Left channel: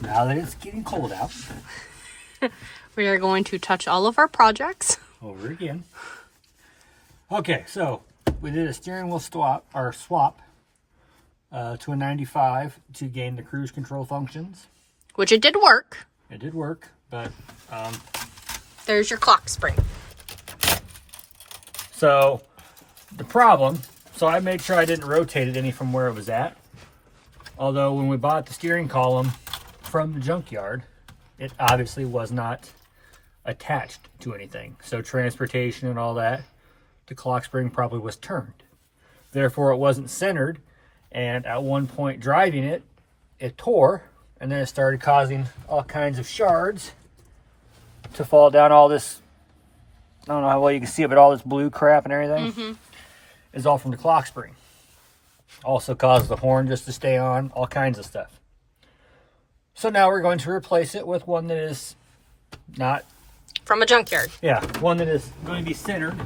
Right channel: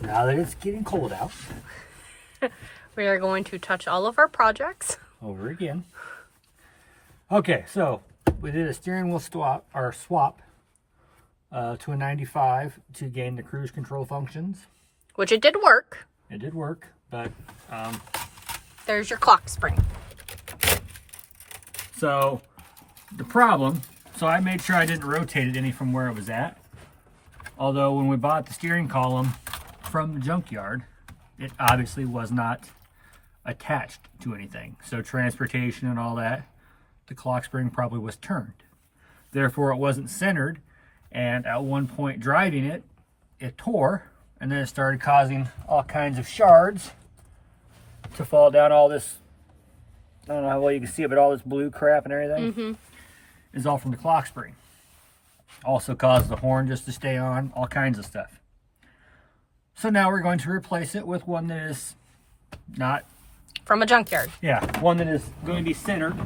Now that it's getting cold out. We are going to touch all of our projects. Over again. Okay, so we did a steering wheel swap to a 95 to gain the cruise control functions. Which it did work. It did work, but... There's your clock spring. So, the problem... So I made sure I didn't rotate it any from where it was at. Although when we bought the steering column from the junkyard, it obviously was not attached to anything. So transportation and all that, the clock spring probably was turned. Therefore, it wasn't centered. And at one point driving it, it tore. And then it started causing all kinds of shards to fall down all this, I don't know how well you can see it, but all this blue crap and everything. Mm-hmm. Is all from the clock spring. Also caused the horn just to stay on, all kinds of stuff. So now we're going to replace it with one that is not... From a junkyard. Yeah, one that is going to be centered.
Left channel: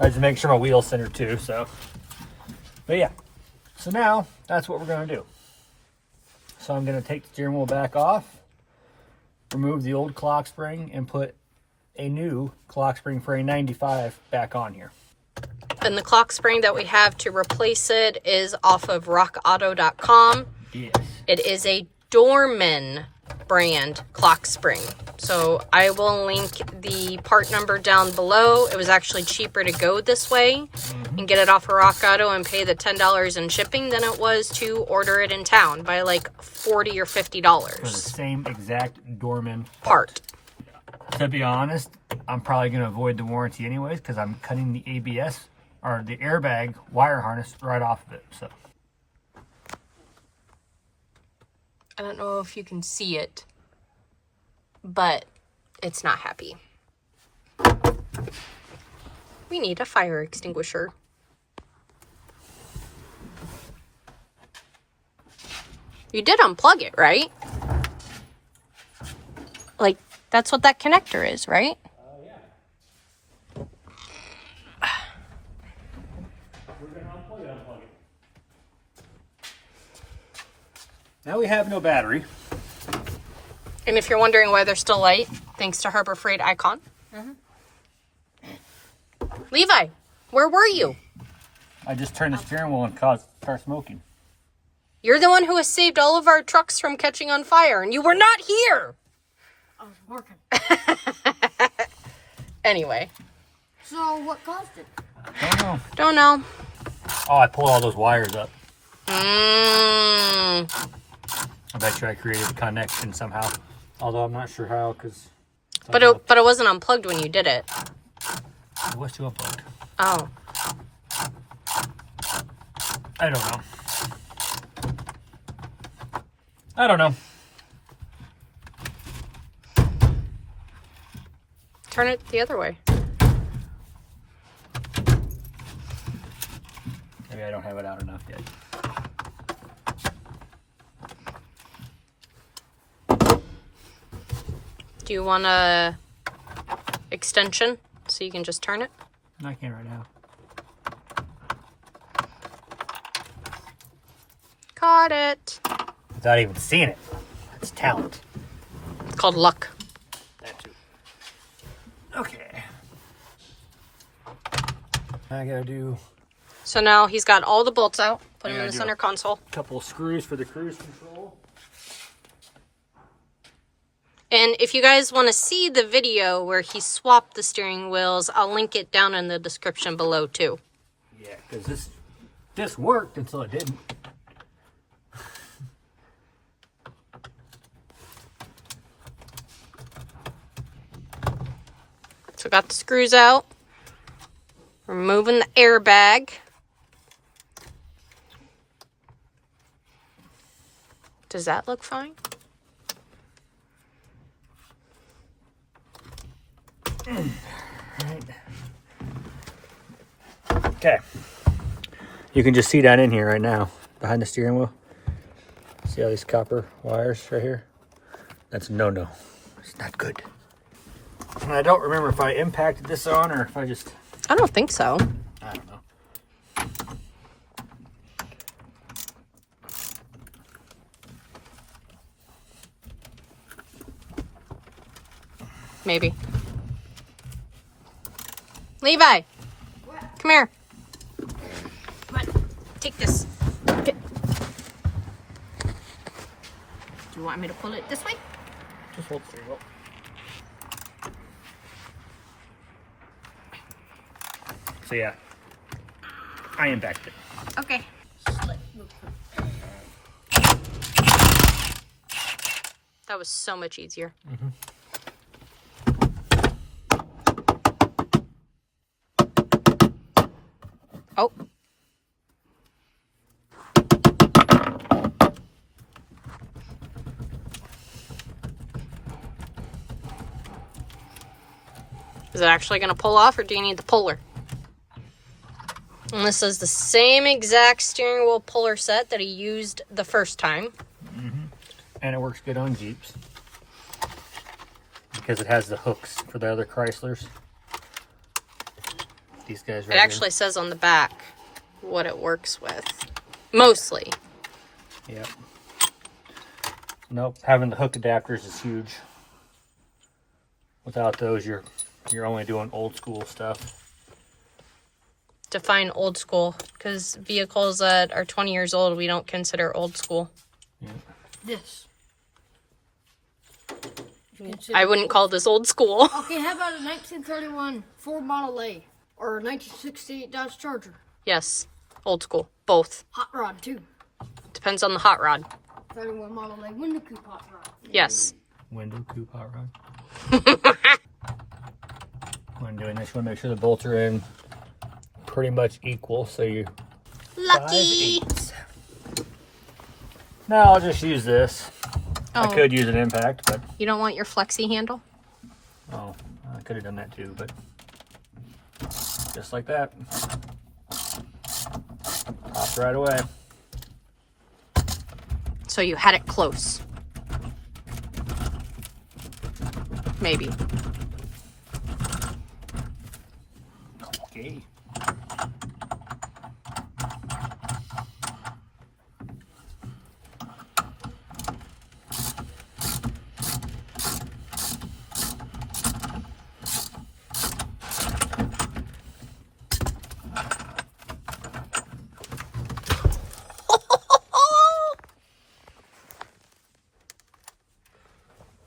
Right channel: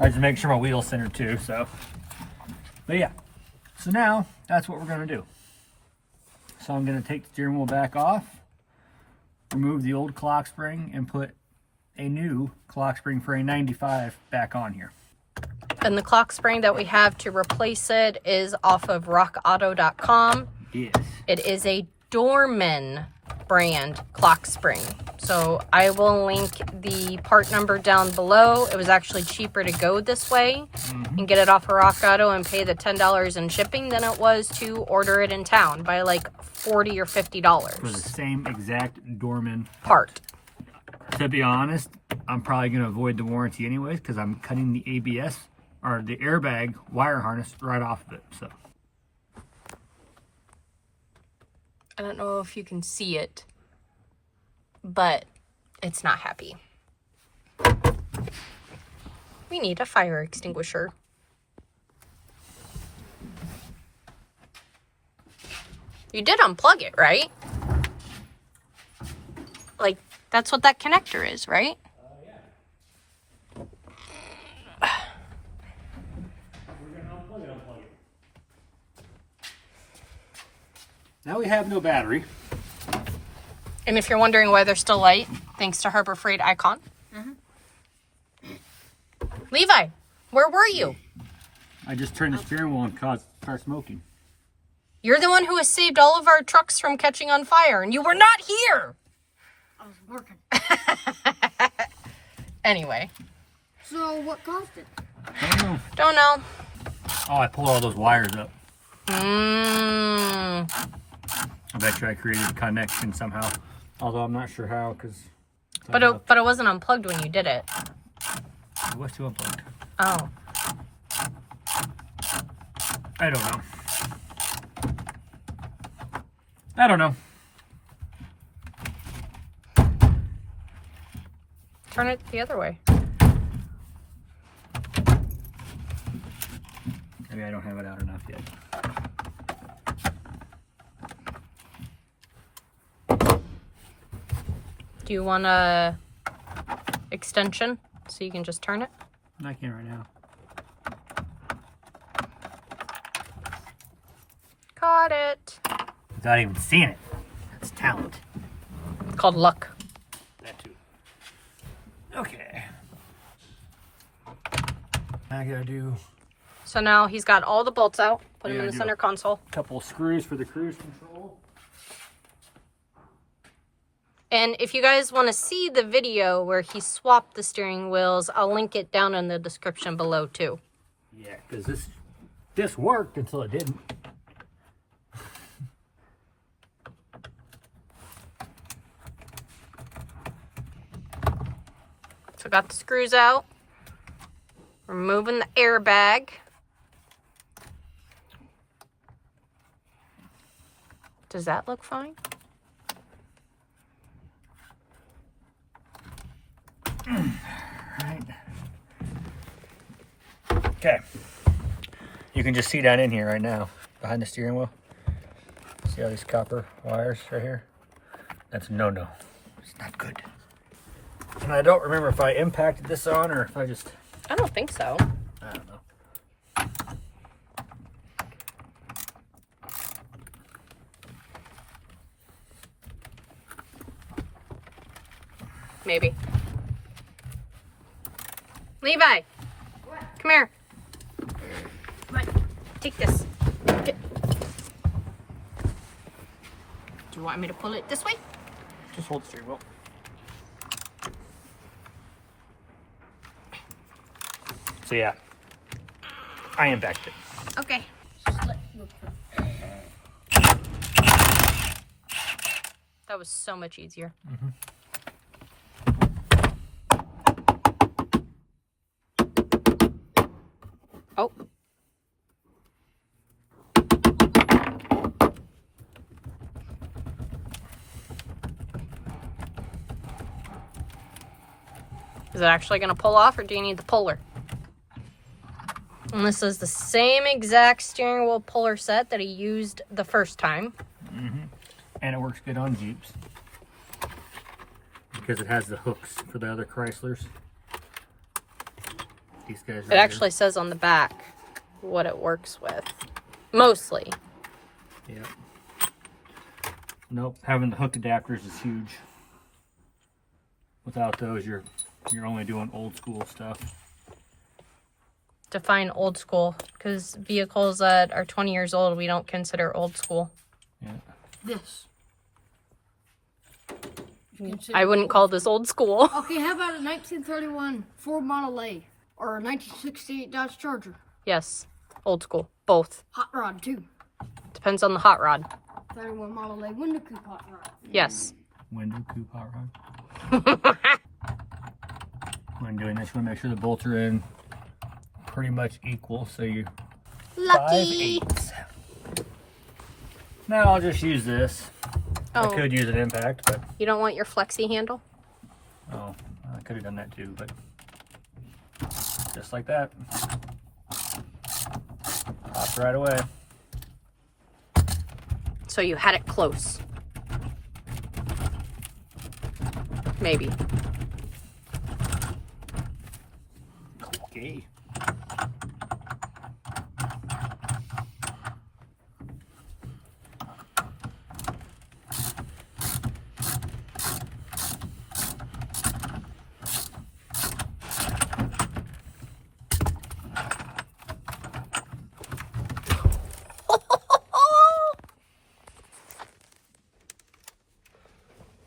I just make sure my wheel's centered too, so... But yeah, so now that's what we're going to do. So I'm going to take the steering wheel back off, remove the old clock spring, and put a new clock spring for a 95 back on here. And the clock spring that we have to replace it is off of rockauto.com. Yes. It is a Dorman brand clock spring. So I will link the part number down below. It was actually cheaper to go this way and get it off of Rock Auto and pay the $10 in shipping than it was to order it in town by like $40 or $50. For the same exact Dorman part. To be honest, I'm probably going to avoid the warranty anyways because I'm cutting the ABS or the airbag wire harness right off of it. So I don't know if you can see it, but it's not happy. We need a fire extinguisher. You did unplug it, right? Like, that's what that connector is, right? yeah. We're going to unplug it. Now we have no battery. And if you're wondering why they're still light, thanks to Harbor Freight Icon. Mm-hmm. Levi, where were you? I just turned the steering wheel and start smoking. You're the one who has saved all of our trucks from catching on fire, and you were not here. I was working. Anyway. So what caused it? Don't know. Oh, I pulled all those wires up. Mm. I bet you I created a connection somehow. Although I'm not sure how, because... But it wasn't unplugged when you did it. It was too unplugged. Oh. I don't know. I don't know. Turn it the other way. Maybe I don't have it out enough yet. Do you want a extension so you can just turn it? I can't right now. Caught it. Without even seeing it. That's talent. It's called luck. That too. Okay. I gotta do So now he's got all the bolts out. Put Yeah, him in I the do. center console. a couple screws for the cruise control. And if you guys want to see the video where he swapped the steering wheels, I'll link it down in the description below too. Yeah, because this worked until it didn't. So got the screws out. Removing the airbag. Does that look fine? Right. Okay. You can just see down in here right now, behind the steering wheel. See all these copper wires right here? That's no-no. It's not good. And I don't remember if I impacted this on or if I just... I don't think so. I don't know. maybe. Levi, come here. What? Take this. Okay. Do you want me to pull it this way? Just hold the steering wheel. So yeah, I impacted it. Okay. That was so much easier. Oh. Is it actually going to pull off, or do you need the puller? And this is the same exact steering wheel puller set that he used the first time. And it works good on Jeeps because it has the hooks for the other Chryslers. These guys right It actually says on the back what it works with. Mostly. here. Yep. Nope. Having the hook adapters is huge. Without those, you're only doing old school stuff. Define old school, because vehicles that are 20 years old we don't consider old school. Yeah. This. I wouldn't call this old school. Okay, how about a 1931 Ford Model A or a 1968 Dodge Charger? Yes, old school. Both. Hot rod too. Depends on the hot rod. 31 Model A window coupe hot rod. Yes. Window coupe hot rod. When doing this, you want to make sure the bolts are in pretty much equal, so you Lucky. 5/8. Now I'll just use this. I Oh, could use an impact, but you don't want your flexi handle? oh, I could have done that too, but just like that. Popped right away. So you had it close. Maybe. Okay.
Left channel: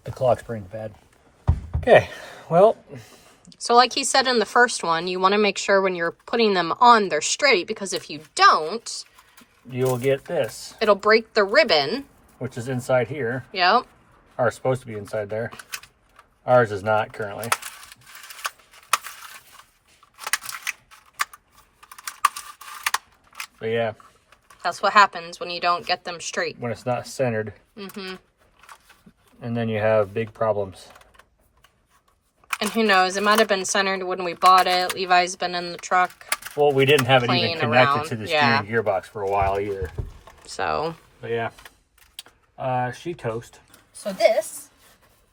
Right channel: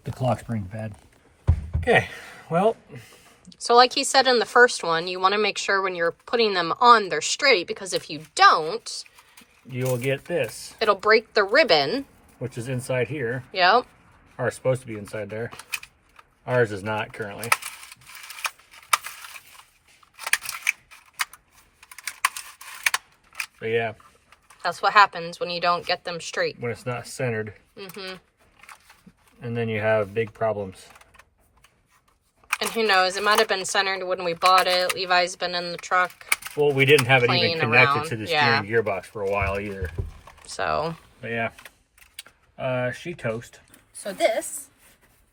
The clock spring's bad. Okay, well, So like he said in the first one, you want to make sure when you're putting them on, they're straight, because if you don't, you will get this, it'll break the ribbon. which is inside here, Yep. or supposed to be inside there. Ours is not currently. So yeah, That's what happens when you don't get them straight. when it's not centered. And then you have big problems. And who knows, it might have been centered when we bought it. Levi's been in the truck, Well, we didn't have it even Playing connected around, to the yeah. steering gearbox for a while either. so. But yeah, she toast. So this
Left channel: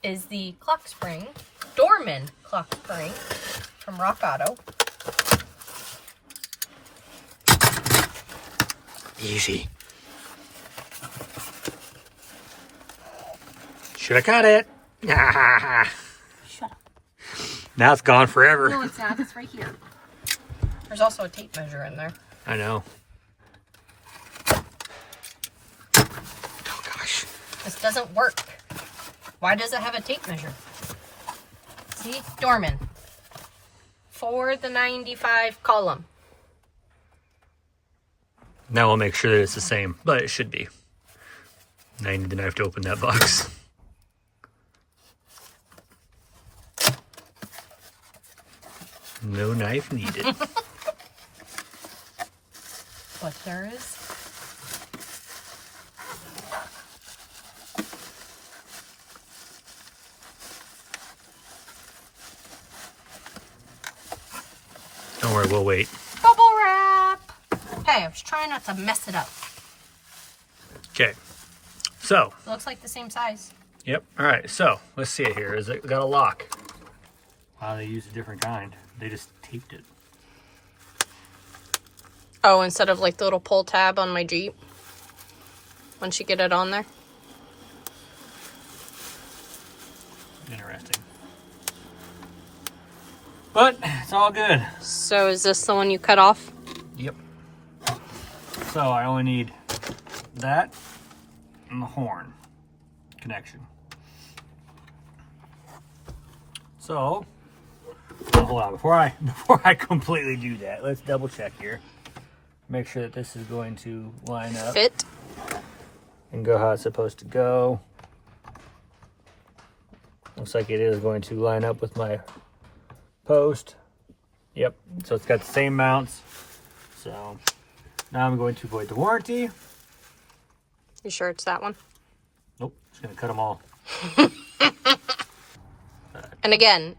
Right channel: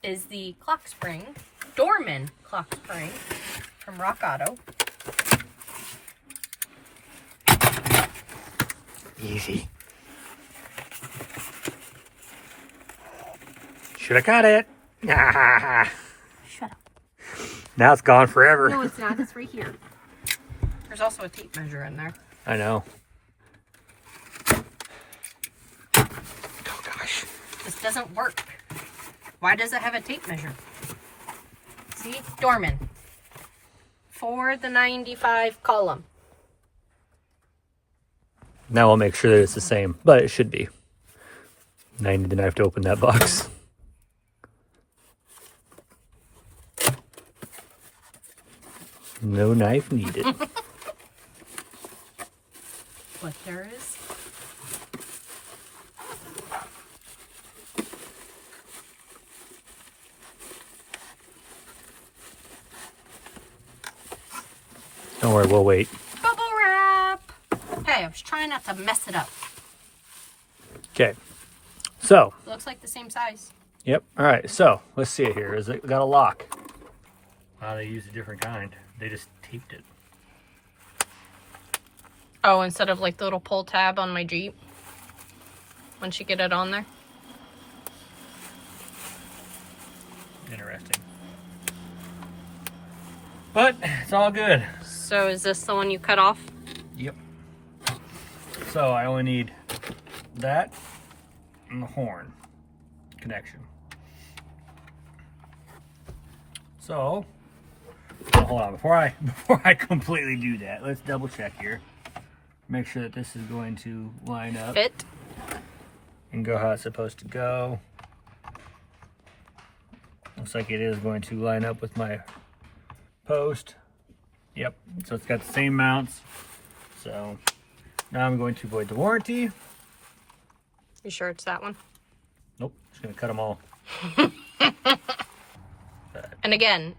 is the clock spring, Dorman clock spring from Rock Auto. Easy. Should have caught it. Shut up. Now it's gone forever. No, it's not. It's right here. There's also a tape measure in there. I know. Oh gosh. This doesn't work. Why does it have a tape measure? See? Dorman. For the 95 column. Now we'll make sure that it's the same, but it should be. Now I need the knife to open that box. No knife needed. But there is. Don't worry, we'll wait. Bubble wrap. Hey, I was trying not to mess it up. Okay. So, It looks like the same size. yep. All right. So, let's see it here. Is it got a lock? Wow, they used a different kind. They just taped it. Oh, instead of like the little pull tab on my Jeep. Once you get it on there. Interesting. But it's all good. So is this the one you cut off? Yep. So I only need that and the horn connection. So, hold on, before I completely do that, let's double check here. Make sure that this is going to line up. Fit. And go how it's supposed to go. Looks like it is going to line up with my post. Yep, so it's got the same mounts. So now I'm going to void the warranty. You sure it's that one? Nope, just gonna cut them all. And again,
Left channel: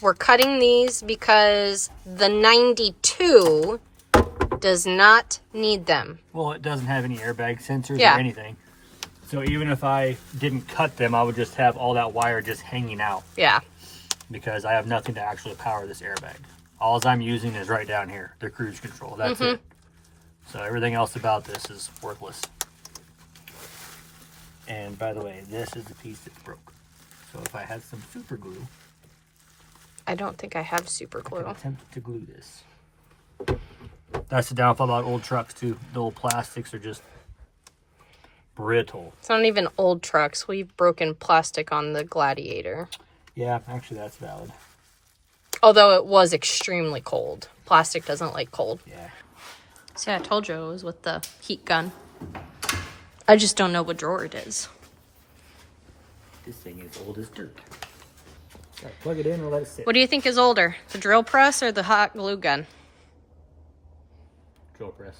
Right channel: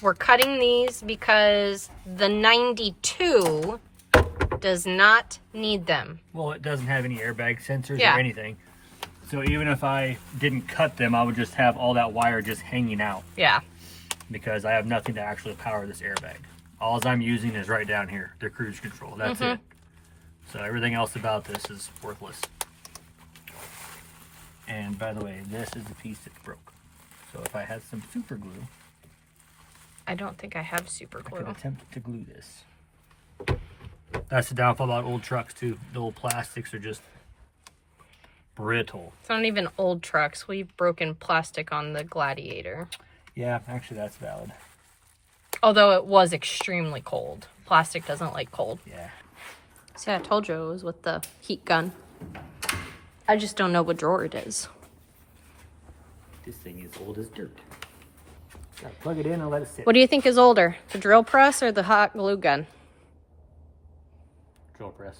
we're cutting these because the 92 does not need them. Well, it doesn't have any airbag sensors Yeah. or anything. So even if I didn't cut them, I would just have all that wire just hanging out Yeah. because I have nothing to actually power this airbag. All I'm using is right down here, the cruise control. That's it. So everything else about this is worthless. And by the way, this is the piece that's broke. So if I had some super glue, I don't think I have super I could glue. attempt to glue this. That's the downfall about old trucks too. The old plastics are just brittle. It's not even old trucks. We've broken plastic on the Gladiator. Yeah, actually that's valid. Although it was extremely cold. Plastic doesn't like cold. Yeah. See, I told you it was with the heat gun. I just don't know what drawer it is. This thing is old as dirt. Gotta plug it in and let it sit. What do you think is older, the drill press or the hot glue gun? Drill press.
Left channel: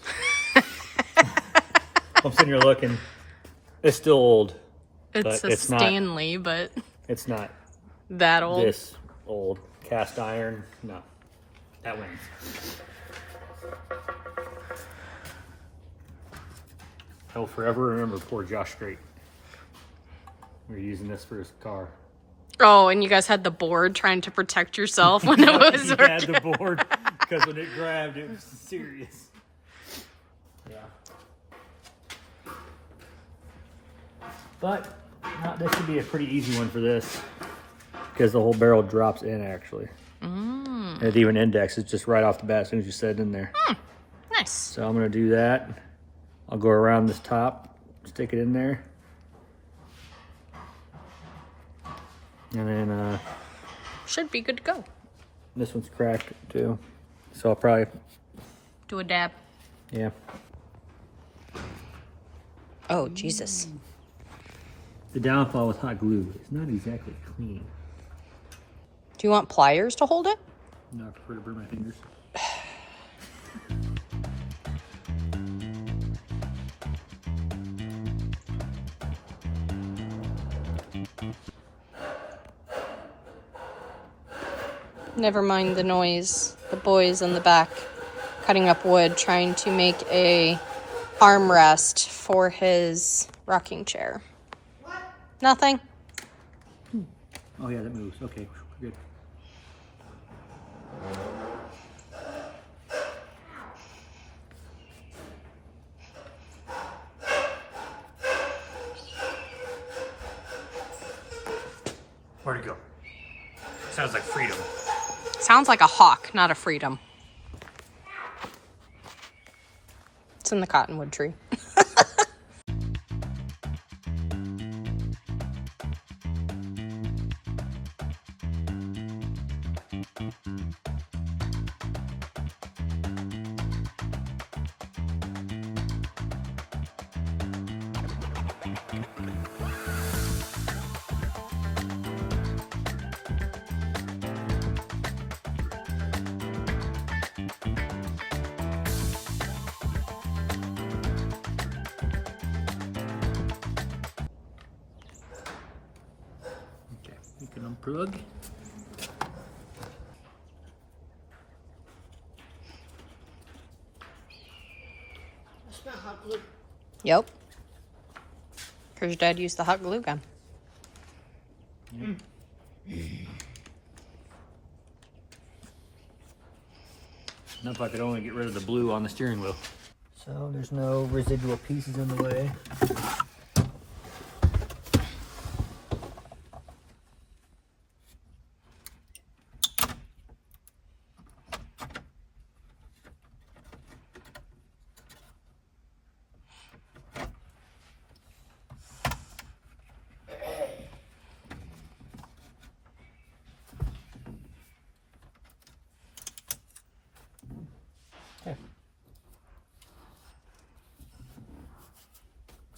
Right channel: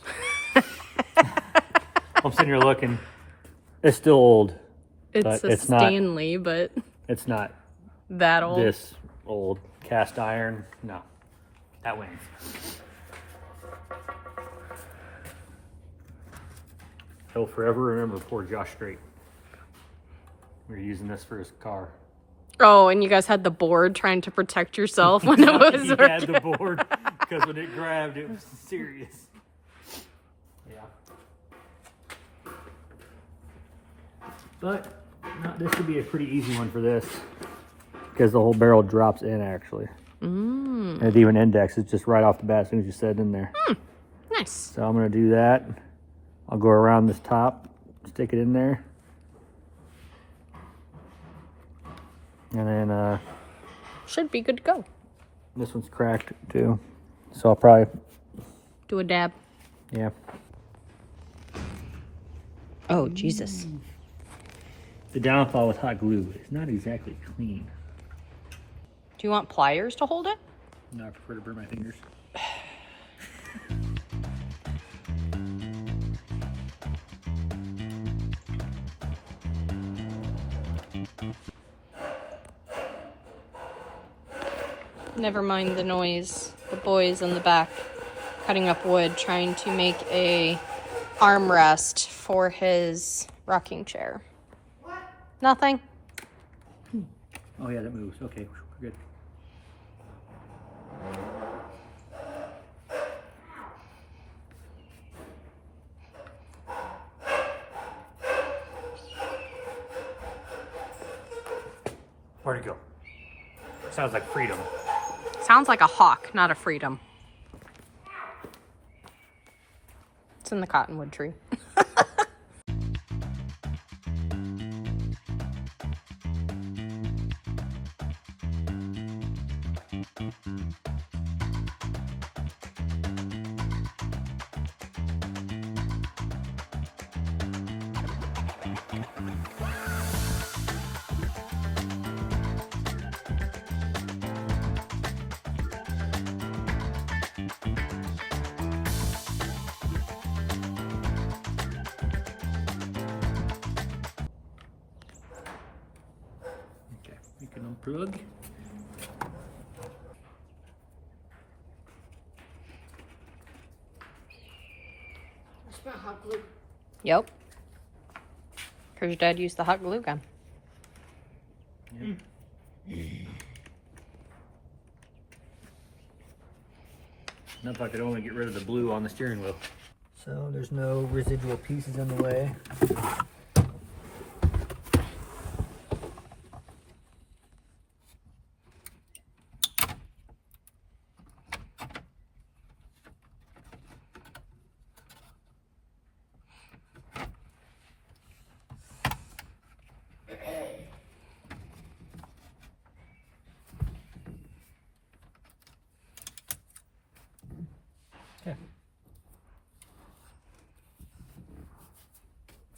I'm sitting here looking. It's still old. It's but a it's not- Stanley, but It's not that old. this old. Cast iron. No. That wins. He'll forever remember poor Josh Strait. We were using this for his car. Oh, and you guys had the board trying to protect yourself when it was He had the board because when it grabbed, it was serious. Yeah. But this should be a pretty easy one for this because the whole barrel drops in actually. And it even indexes just right off the bat as soon as you set it in there. Nice. So I'm going to do that. I'll go around this top, stick it in there. And then Should be good to go. this one's cracked too. So I'll probably, Do a dab. yeah. Oh, Jesus. The downfall with hot glue is not exactly clean. Do you want pliers to hold it? No, I prefer to burn my fingers. Never mind the noise. The boys in the back cutting up wood, trying to make a armrest for his rocking chair. Nothing. Oh yeah, that moves. Okay, we're good. Where'd it go? Sounds like freedom. Sounds like a hawk, not a freedom. It's in the cottonwood tree. Okay, we can unplug. Yep. Because your dad used the hot glue gun. Not if I could only get rid of the blue on the steering wheel. So there's no residual pieces in the way.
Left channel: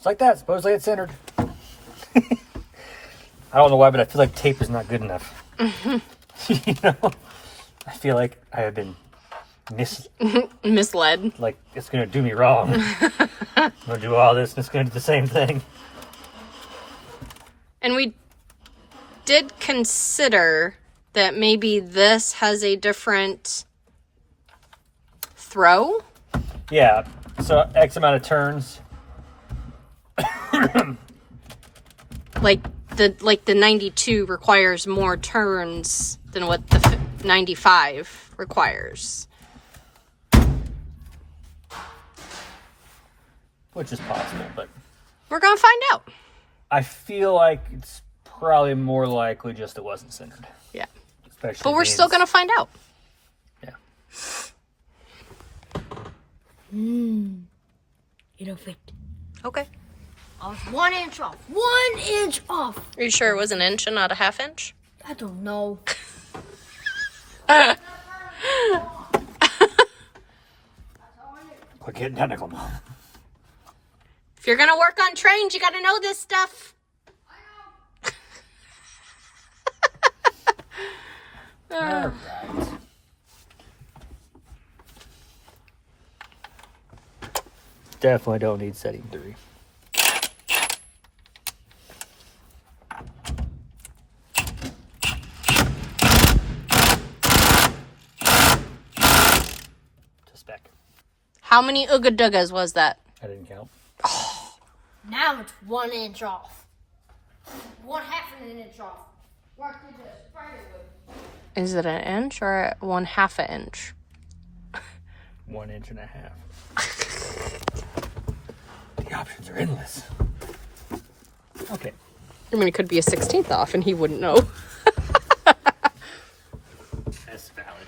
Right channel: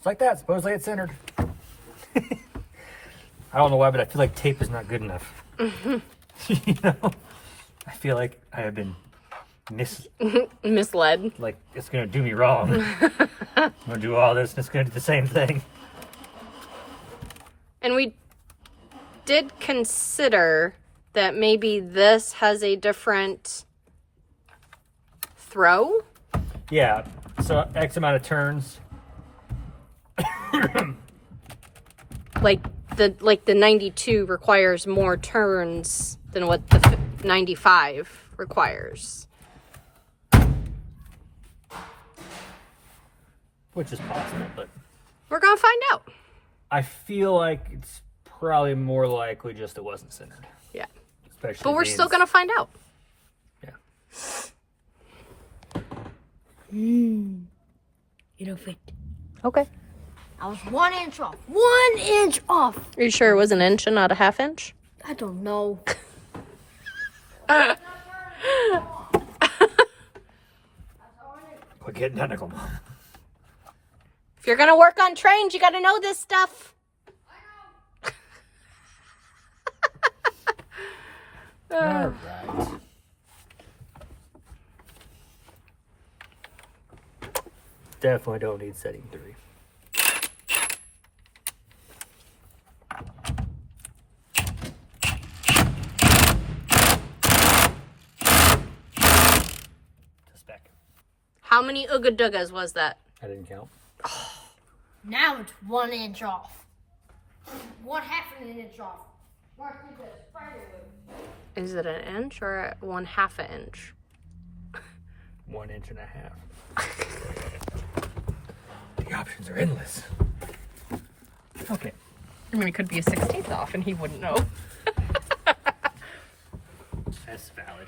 like that. Supposedly it's centered. I don't know why, but I feel like tape is not good enough. You know? I feel like I have been misled. Like, it's going to do me wrong. I'm going to do all this and it's going to do the same thing. And we did consider that maybe this has a different throw. Yeah. So X amount of turns. Like the 92 requires more turns than what the 95 requires. Which is possible, but We're going to find out. I feel like it's probably more likely just it wasn't centered. Yeah. Especially But we're still going to find out. Yeah. You know, 50. Okay. I was 1 inch off. 1 inch off. Are you sure it was an inch and not a half inch? I don't know. Quit getting technical, Mom. If you're going to work on trains, you got to know this stuff. All right. Definitely don't need setting 3. To spec. How many Ooga Doogas was that? I didn't count. Now it's 1 inch off. 1/2 of an inch off. Mark, you just fired it. Is it an inch or 1/2 an inch? 1.5 inches. The options are endless. Okay. I mean, it could be a 16th off and he wouldn't know. That's valid.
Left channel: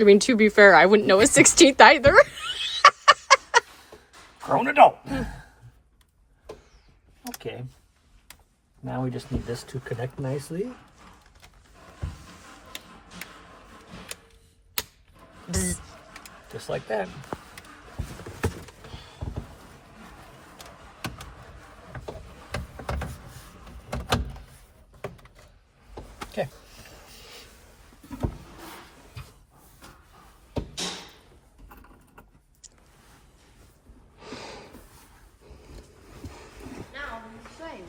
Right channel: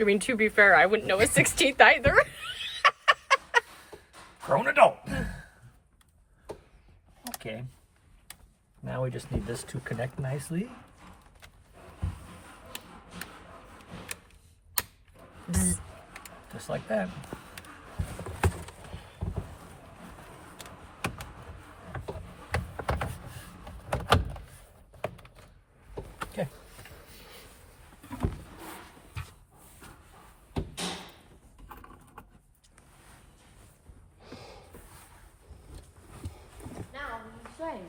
I mean, to be fair, I wouldn't know a 16th either. Grown adult. Okay. Now we just need this to connect nicely. Bzz. Just like that. Okay. Now it's the same.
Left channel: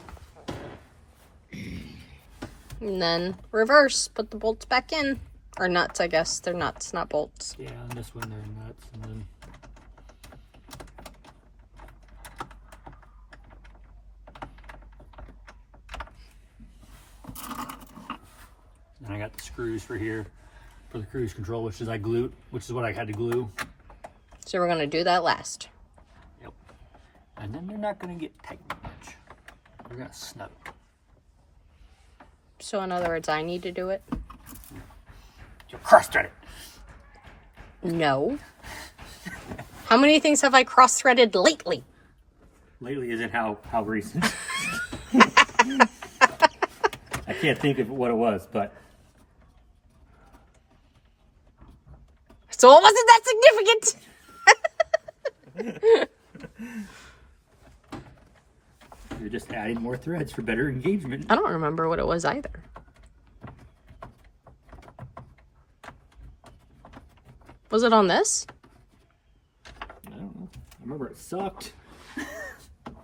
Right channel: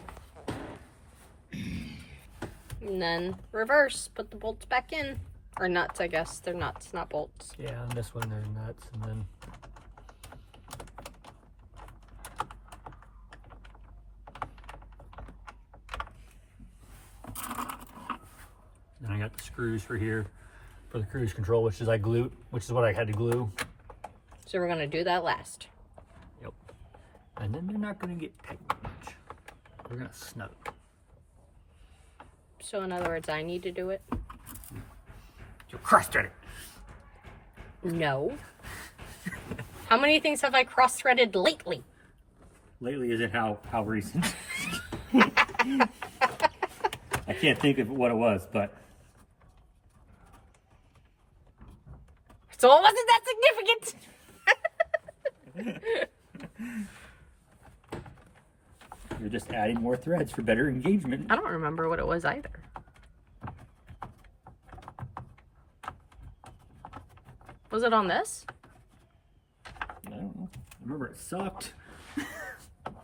And then reverse, put the bolts back in. Or nuts, I guess. They're nuts, not bolts. Yeah, on this one they're nuts, and then I got the screws for here for the cruise control, which is what I had to glue. So we're going to do that last. Yep. And then they're not going to get tight very much. They're going to snug. So in other words, I need to do it? You'll cross-thread it. No. How many things have I cross-threaded lately? Lately isn't how recent. I can't think of what it was, but So it wasn't that significant. you're just adding more threads for better engagement. I don't remember what it was either. Was it on this? I don't know. I remember it sucked.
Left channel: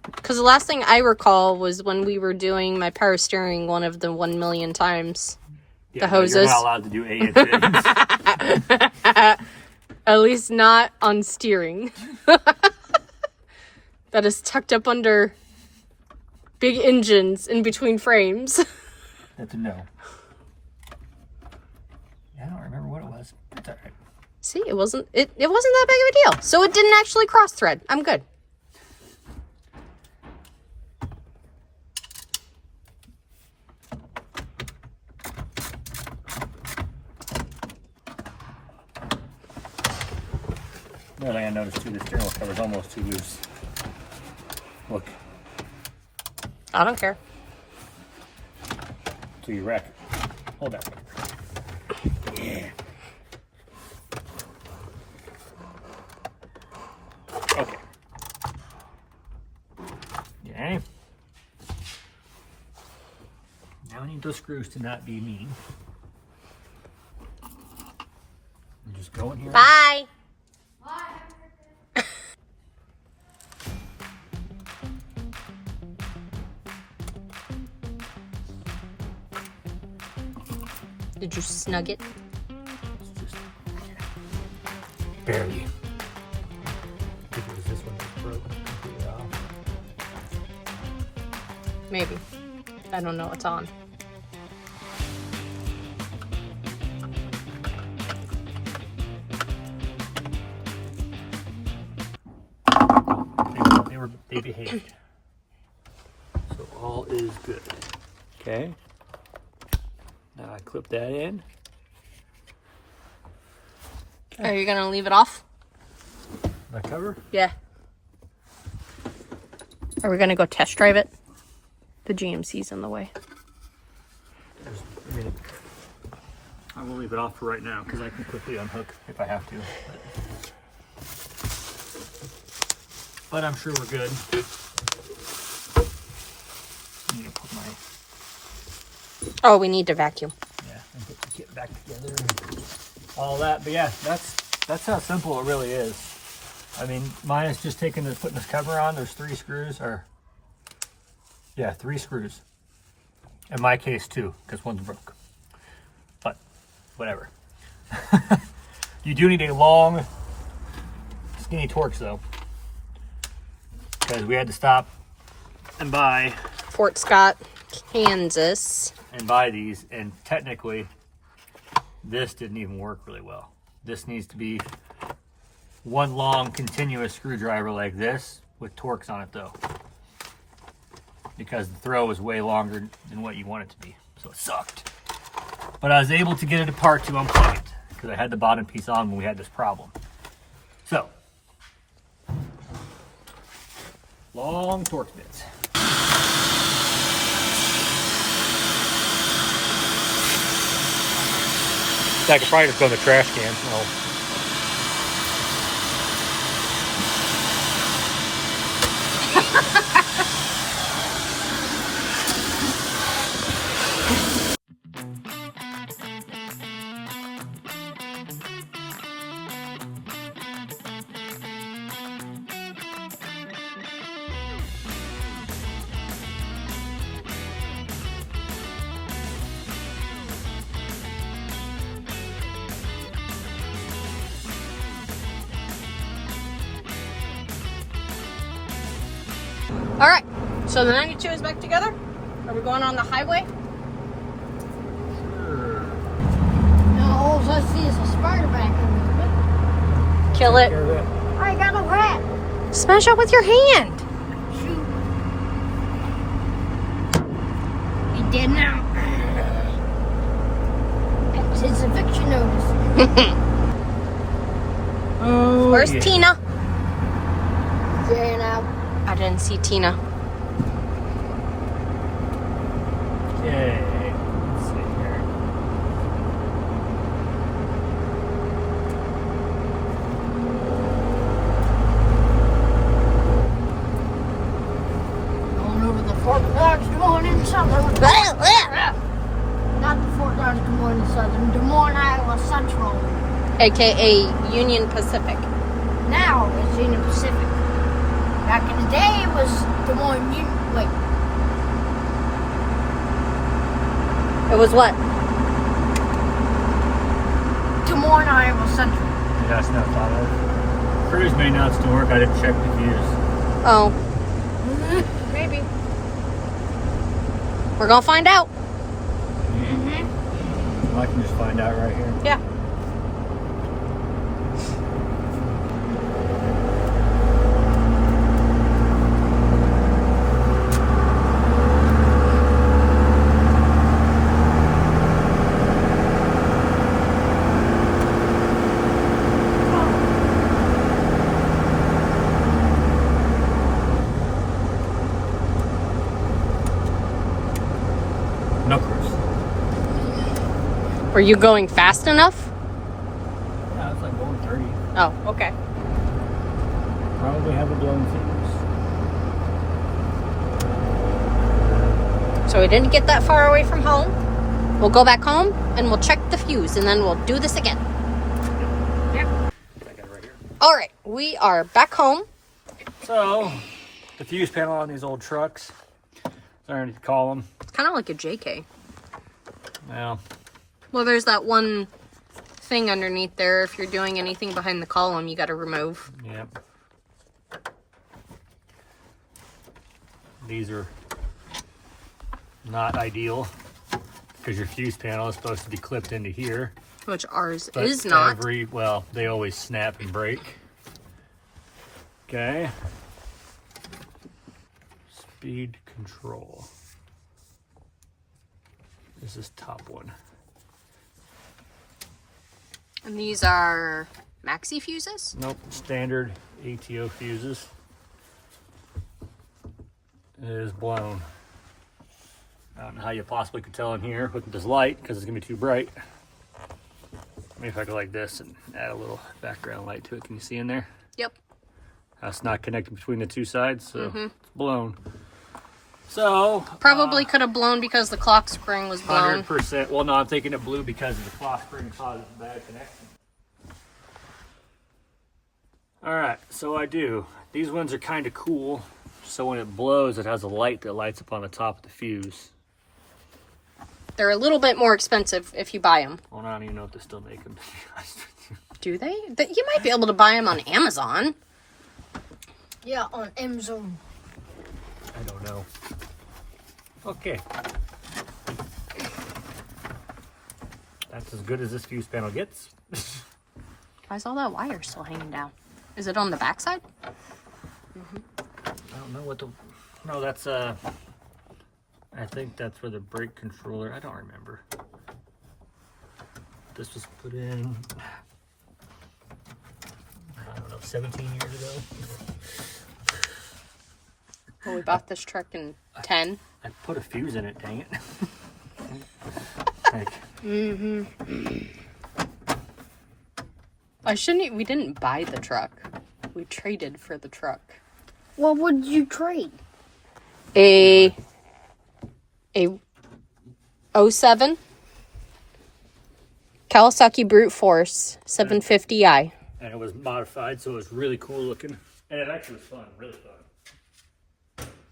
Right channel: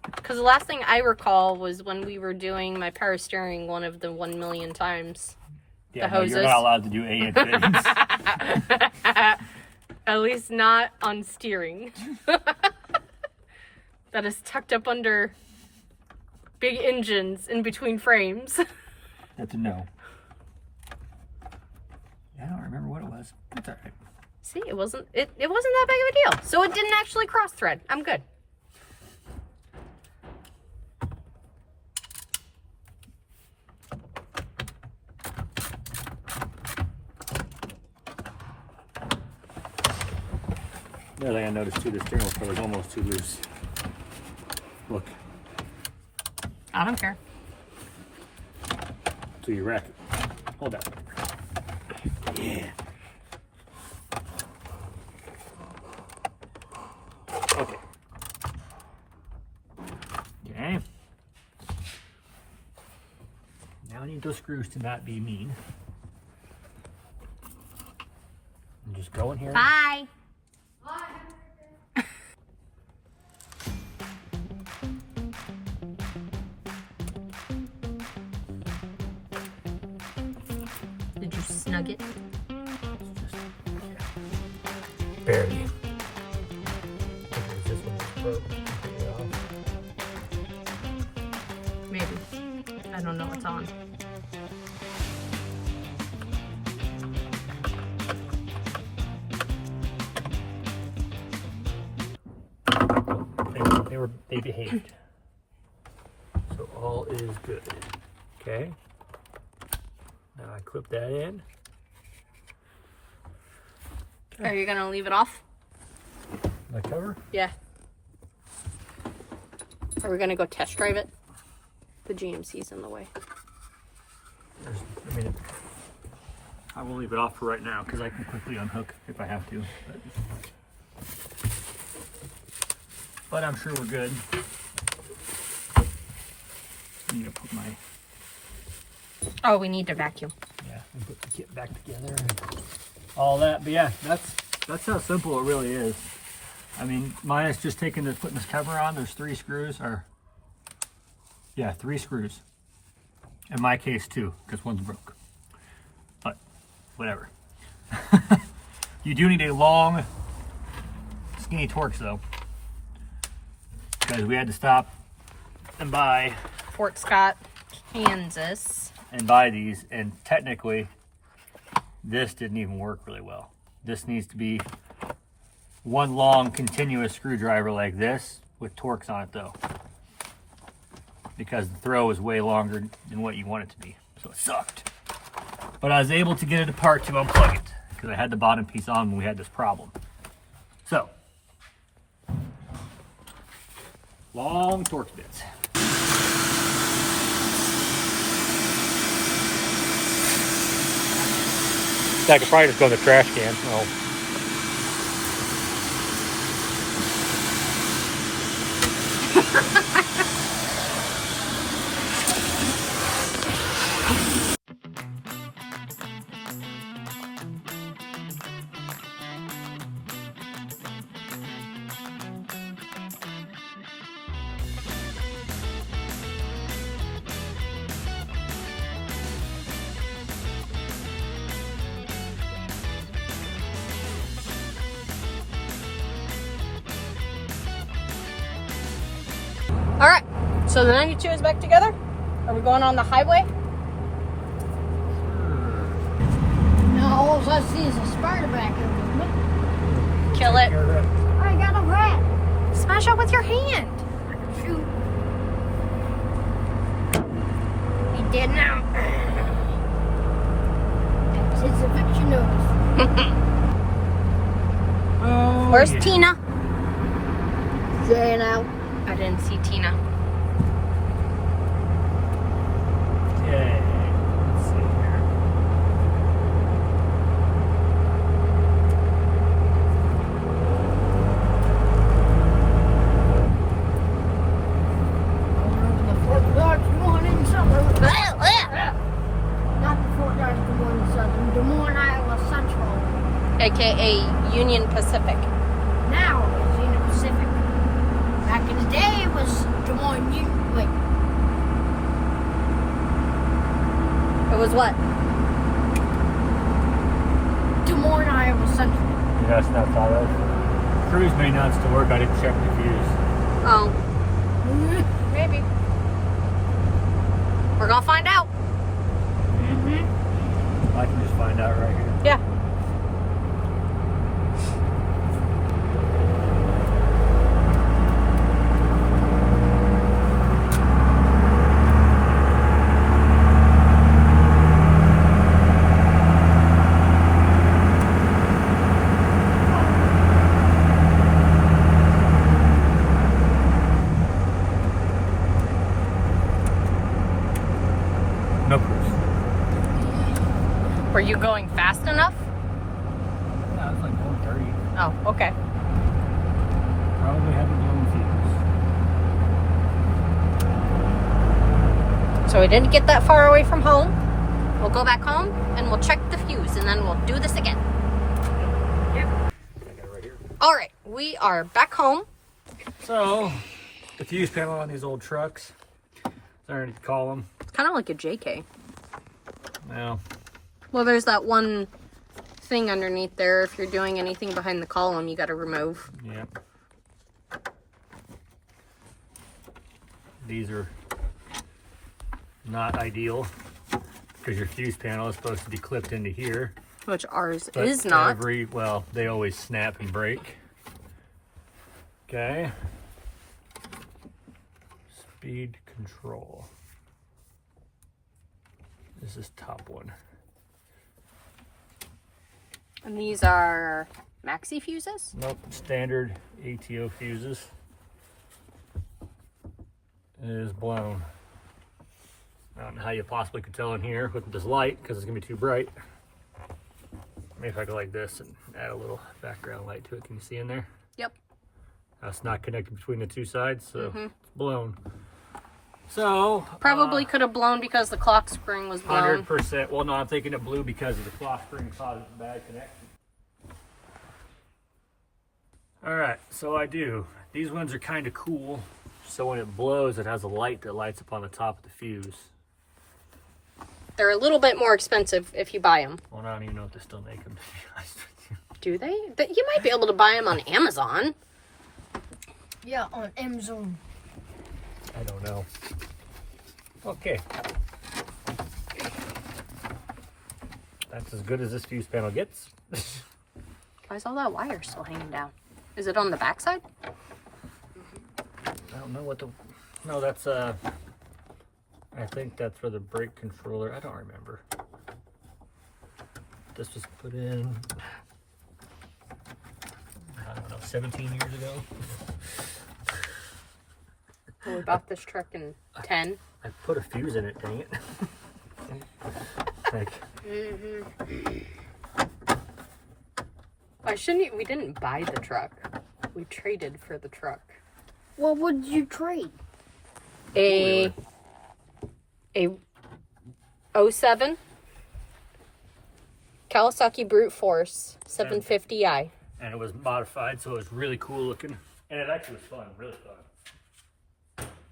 Because the last thing I recall was when we were doing my power steering one of the 1 million times. Yeah, The no, hoses. you're not allowed to do A and fittings. At least not on steering. That is tucked up under big engines in between frames. That's a no. I don't remember what it was. It's all right. See, it wasn't that big of a deal. So it didn't actually cross thread. I'm good. The other thing I noticed too, the steering wheel cover is almost too loose. Look, I don't care. till you wreck it. Hold that. Yeah. Okay. Yeah, Now I need those screws to not be mean. And just go in here. Bye. Did you snug it? Barely. I think it was this one that broke. Yeah. Maybe. I don't know what's on. They behaved. So all is good. Okay. Now I clip that in. Are you gonna leave it off? The cover? Yeah. Are we gonna go test drive it? The GMC's in the way. I will leave it off for right now because I can quickly unhook if I have to. But I'm sure we're good. I need to put my Oh, we need to vacuum. and put the kit back together and all that. But yeah, that's how simple it really is. I mean, mine is just putting this cover on. There's 3 screws, or yeah, 3 screws. In my case, 2, because one's broke. But whatever. You do need a long, skinny Torx though, because we had to stop and buy Fort Scott, Kansas. and buy these, and technically this didn't even work really well. This needs to be one long continuous screwdriver like this with Torx on it though, because the throw is way longer than what you want it to be, so it sucked. But I was able to get it apart to unplug it because I had the bottom piece on when we had this problem. So long Torx bits. I could probably just go in the trash can. Oh. All right, so the 92 is back together. Are we going on the highway? Now all I see is the spider back in me. Kill it. I got a rat. Smash out with your hand. Shoot. He dead now. That was his eviction notice. Oh, Where's yeah. Tina? Ran out. I didn't see Tina. Yay. Let's see here. Going over the Fort Dodge Des Moines in Southern. Not the Fort Dodge Des Moines in Southern. Des Moines, Iowa Central. AKA Union Pacific. Now it's Union Pacific. Back in the day, it was Des Moines Union. Wait. It was what? Des Moines, Iowa Central. Yeah, it's not thought of. Cruise may not still work. I didn't check the fuse. Oh, maybe. We're gonna find out. Well, I can just find out right here. Yeah. No cruise. Were you going fast enough? Yeah, it's like going 30. Oh, okay. Probably have a blown fuse. So we didn't get that far away from home. We'll go back home and we'll check the fuse and then we'll do this again. All right, we are back home. So, the fuse panel on these old trucks, sorry to call them. It's kind of like a JK. Well, Well, there's that one thing underneath there. If you're doing anything behind the column, you got to remove. yeah. These are not ideal because your fuse panel is supposed to be clipped into here. Which ours But is not. well, they always snap and break. Okay. Speed control. This is top one. And these are maxi fuses? Nope, standard ATO fuses. It is blown. I don't know how you possibly could tell in here with this light because it's gonna be too bright. Maybe if I go like this and add a little background light to it. Can you see in there? Yep. That's not connected between the two sides, so it's blown. So Probably could have blown because the clock spring was blown. 100%. Well, no, I'm thinking it blew because of the clock spring caused a bad connection. All right, so I do. These ones are kind of cool. So when it blows, it has a light that lights up on the top of the fuse. They're a little bit more expensive if you buy them. Well, I don't even know if they still make them. Do they? You might be able to buy them on Amazon. Yeah, on Amazon. I don't know. Okay. That's as good as this fuse panel gets. Why is all that wire still hanging down? Is it on the backside? I don't know what the... No, that's, I think that's for the brake controller. I don't remember. This was put in, I don't know, 17 years ago. Well, we bought this truck in 10. I put a fuse in it, dang it. Like, We didn't buy the truck. We traded for the truck. Well, what did you trade? A 07 Kawasaki Brute Force 750i. and it was modified, so it was really cool looking. And it actually was fun, really fun.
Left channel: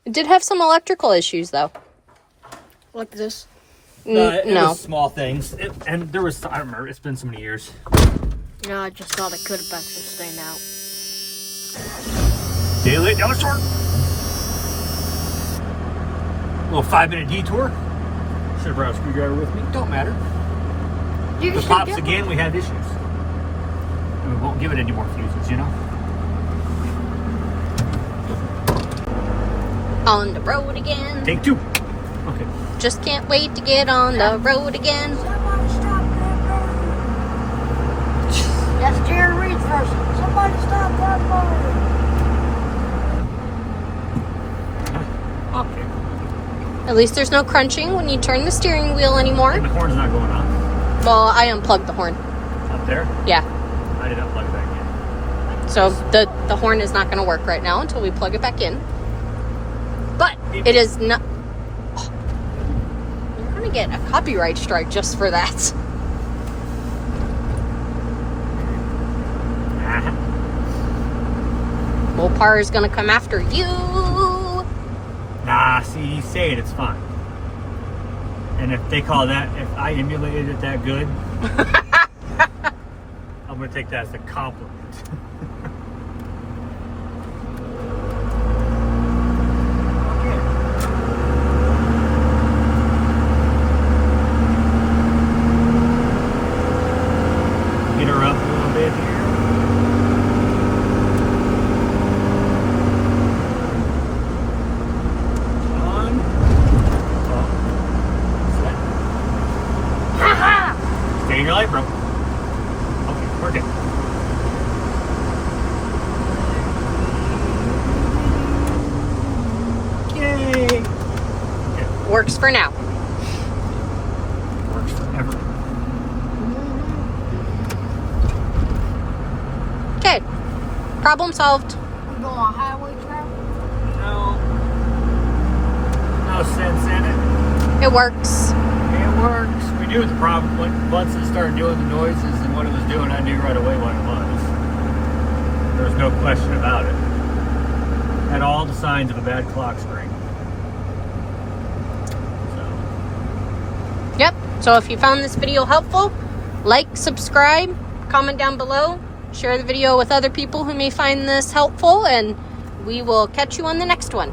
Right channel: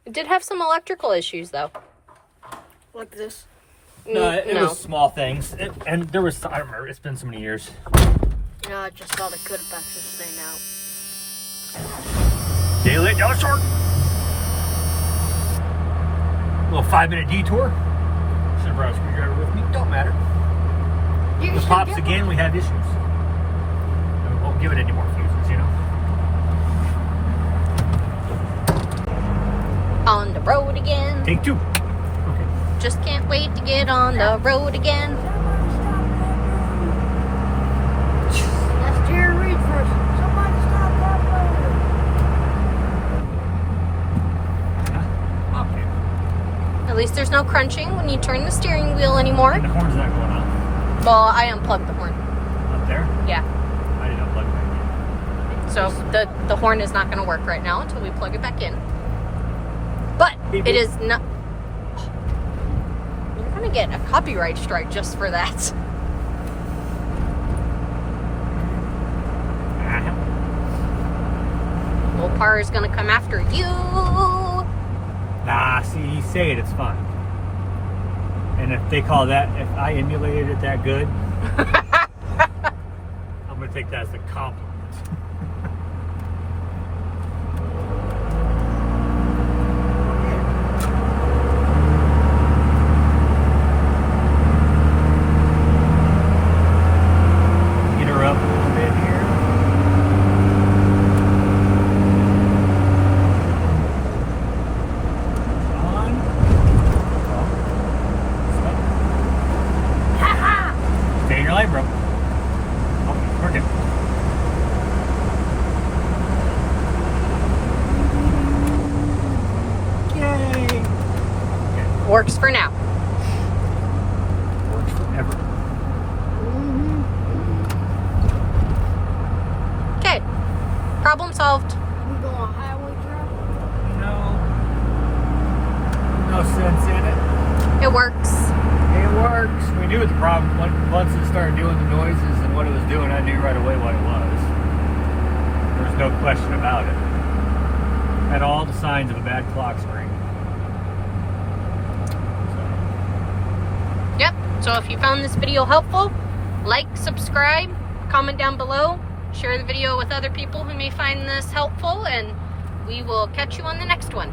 It did have some electrical issues, though. Like this? No, it no. was small things. And there was, I don't remember, it's been so many years. Yeah, I just thought I could have back this thing out. Daylight, yellow short. Little 5-minute detour. Should have brought a screwdriver with me. Don't matter. You If it pops again, we have issues. We won't give it any more fuses, you know? On the road again. Take two. Okay. Just can't wait to get on the road again. That's Jerry Reed's version. Somebody stop that phone. Okay. At least there's no crunching when you turn the steering wheel anymore. And the horn's not going on. Well, I unplugged the horn. Up there? Yeah. I didn't unplug that yet. So the horn is not going to work right now until we plug it back in. But Beep, it beep. is not... You're going to get a copyright strike just for that. Mopar is going to come after you. Nah, see, you say it, it's fun. And if they call that, if I emulated it that good, I'm going to take that as a compliment. Get her up a little bit here. On. Stay in your lane, bro. Oh, work it. Yay! Works for now. Works forever. Okay. Problem solved. We go on highway traffic. No. No sense in it. It works. It works. We knew the problem. Once it started doing the noises and what it was doing, I knew right away what it was. There's no question about it. Had all the signs of a bad clock spring. Yep. So if you found this video helpful, like, subscribe, comment down below, share the video with other people who may find this helpful, and we will catch you on the next one.